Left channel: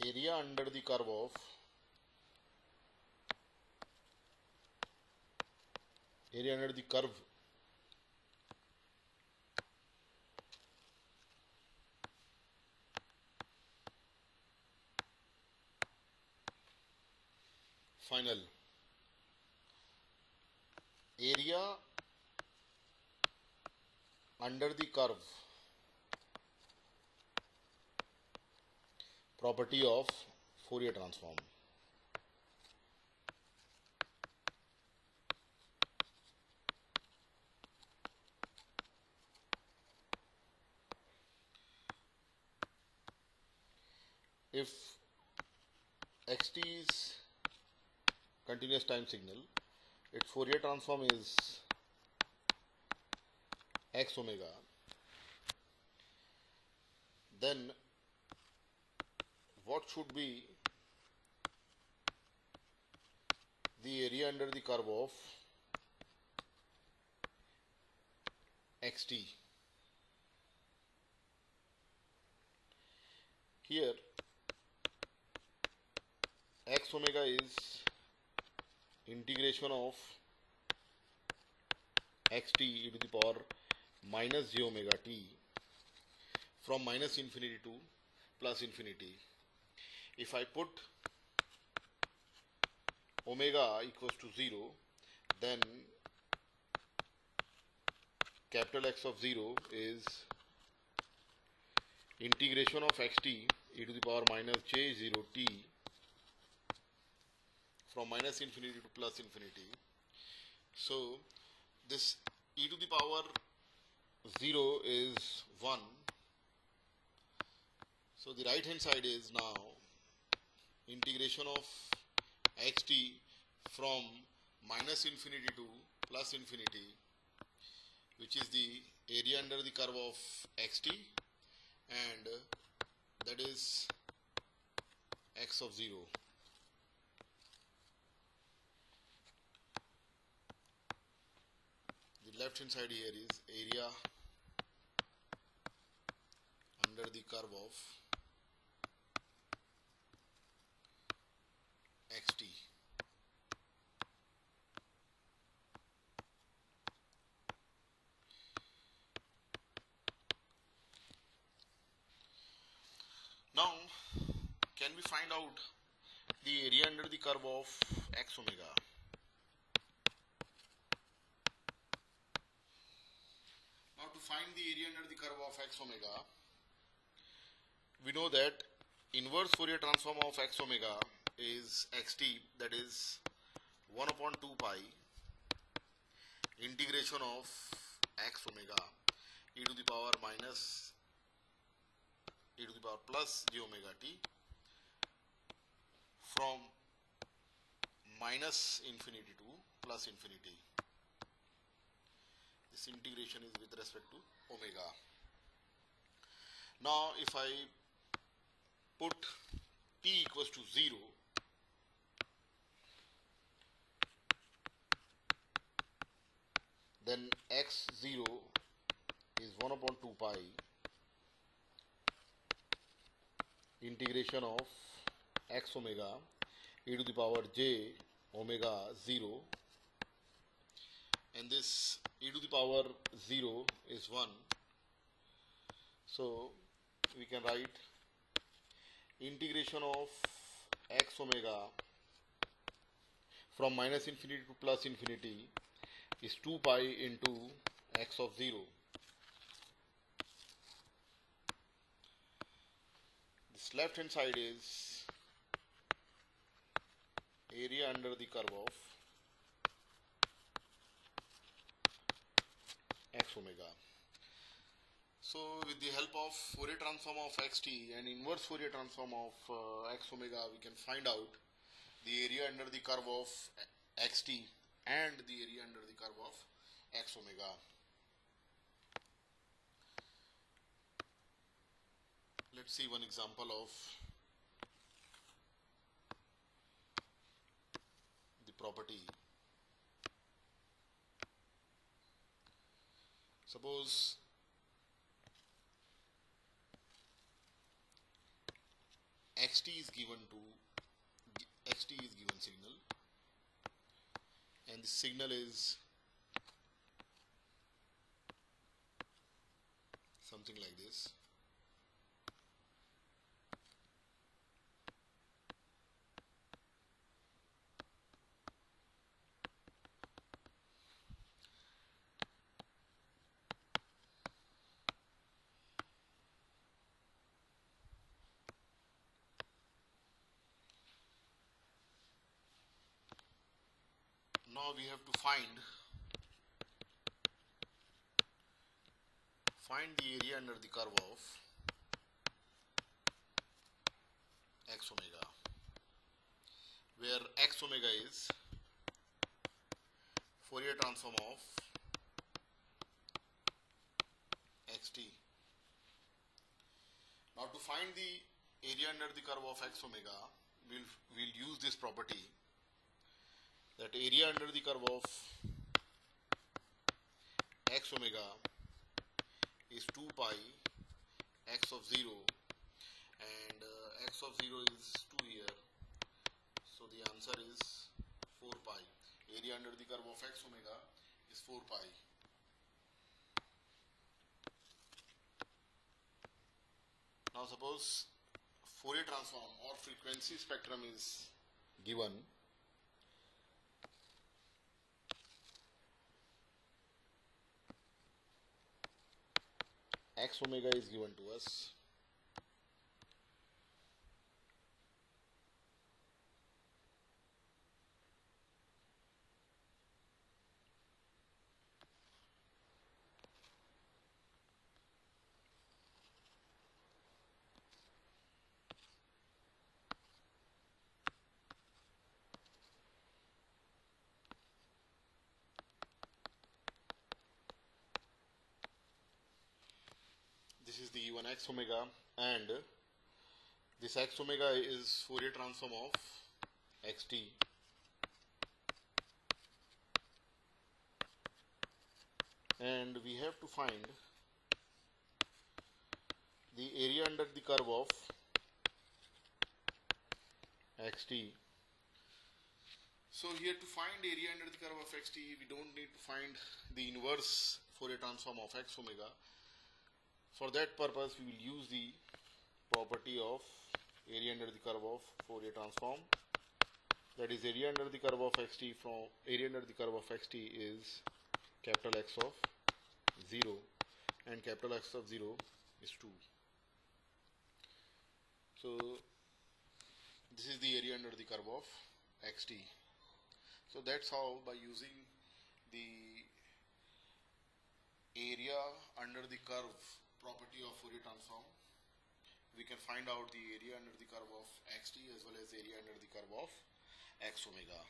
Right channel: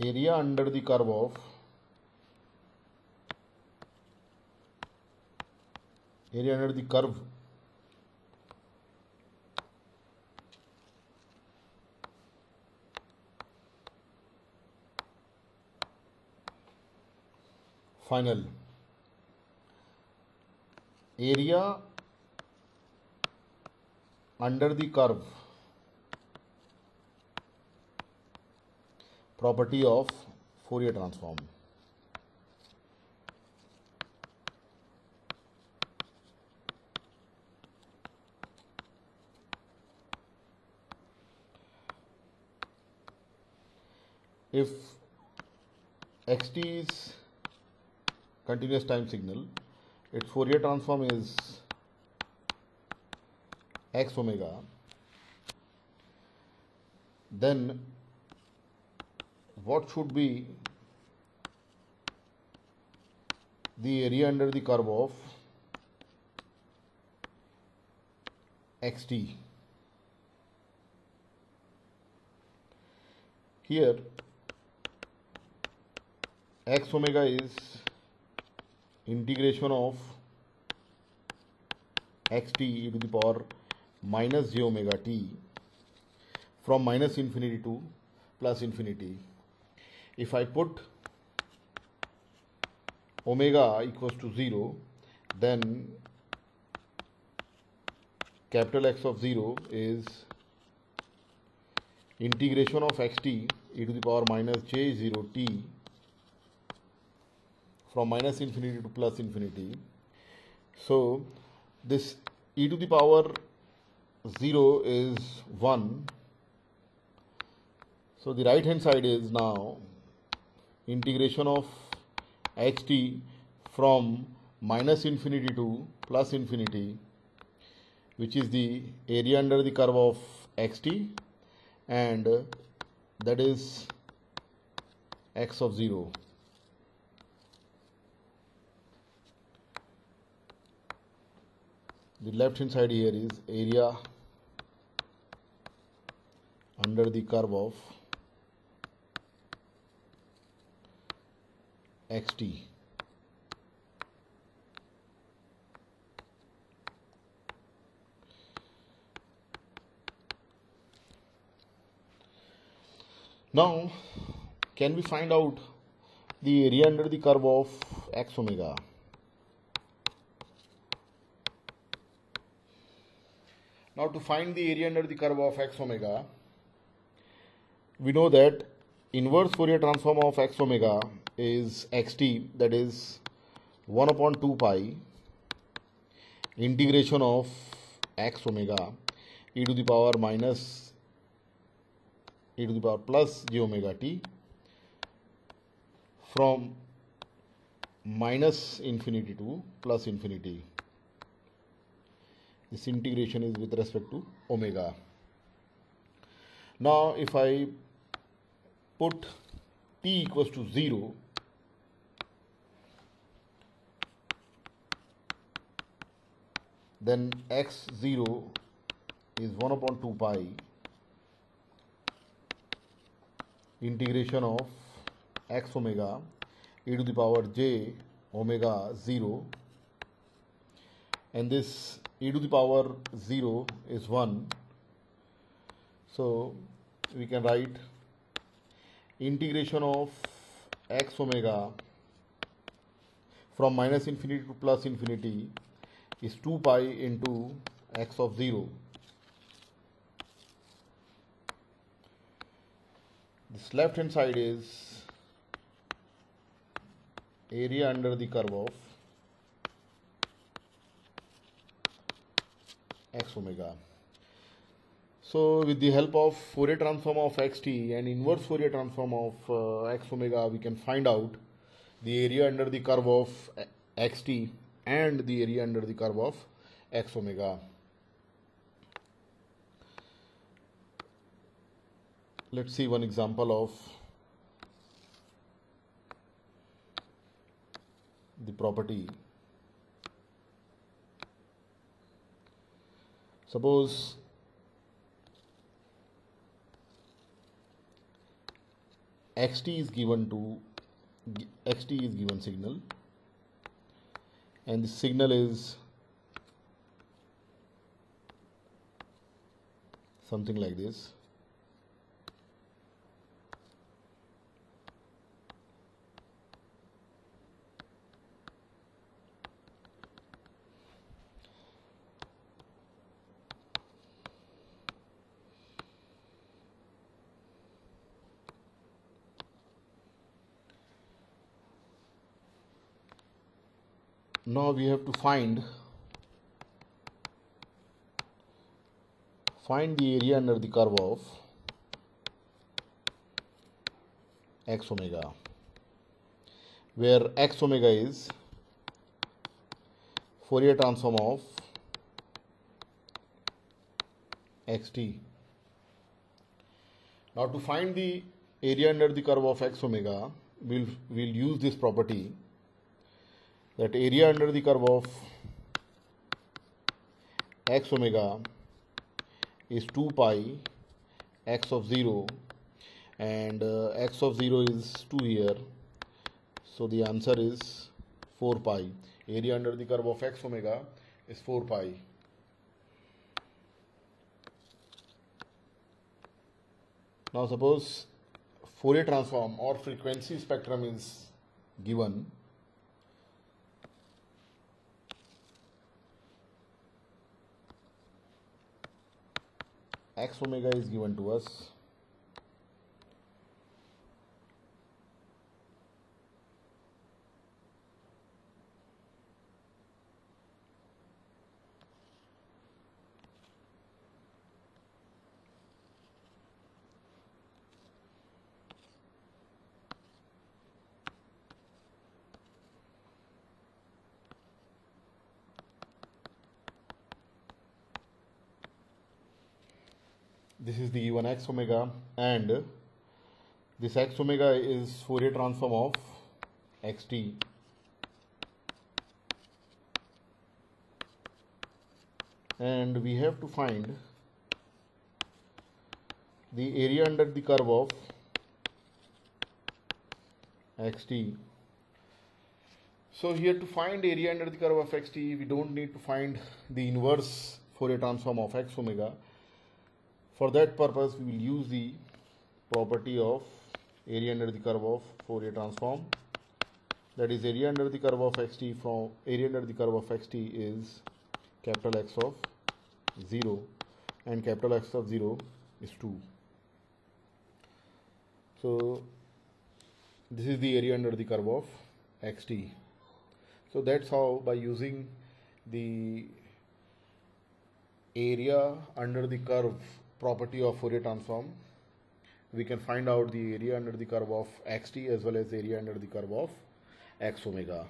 area under the curve of final area under the curve property of Fourier transform. If xt is continuous time signal, its Fourier transform is x omega, then what should be the area under the curve of xt? Here x omega is integration of xt e to the power minus j omega t from minus infinity to plus infinity. If I put omega equals to 0, then capital X of 0 is integration of xt e to the power minus j0 t from minus infinity to plus infinity. So this e to the power 0 is 1. So the right hand side is now integration of xt from minus infinity to plus infinity, which is the area under the curve of xt, and that is x of 0. The left hand side here is area under the curve of xt. Now, can we find out the area under the curve of x omega? Now, to find the area under the curve of x omega, we know that inverse Fourier transform of x omega is xt, that is 1 upon 2 pi integration of x omega e to the power minus e to the power plus j omega t from minus infinity to plus infinity. This integration is with respect to omega. Now, if I put t equals to 0, then x0 is 1 upon 2 pi integration of x omega e to the power j omega 0, and this e to the power 0 is 1. So we can write integration of x omega from minus infinity to plus infinity is 2 pi into x of 0. This left hand side is area under the curve of x omega. So with the help of Fourier transform of xt and inverse Fourier transform of x omega, we can find out the area under the curve of xt and the area under the curve of x omega. Let's see one example of the property. Suppose xt is given signal, and the signal is something like this. Now we have to find the area under the curve of x omega, where x omega is Fourier transform of xt. Now to find the area under the curve of x omega, we'll use this property, that area under the curve of x omega is 2 pi x of 0, and x of 0 is 2 here, so the answer is 4 pi. Area under the curve of x omega is 4 pi. Now suppose Fourier transform or frequency spectrum is given. X omega is given to us. This is the given x omega, and this x omega is Fourier transform of xt. And we have to find the area under the curve of xt. So here, to find area under the curve of xt, we don't need to find the inverse Fourier transform of x omega. For that purpose, we will use the property of area under the curve of Fourier transform. That is, area under the curve of xt from area under the curve of xt is capital X of 0, and capital X of 0 is 2. So this is the area under the curve of xt. So that's how, by using the area under the curve property of Fourier transform, we can find out the area under the curve of xt as well as area under the curve of x omega.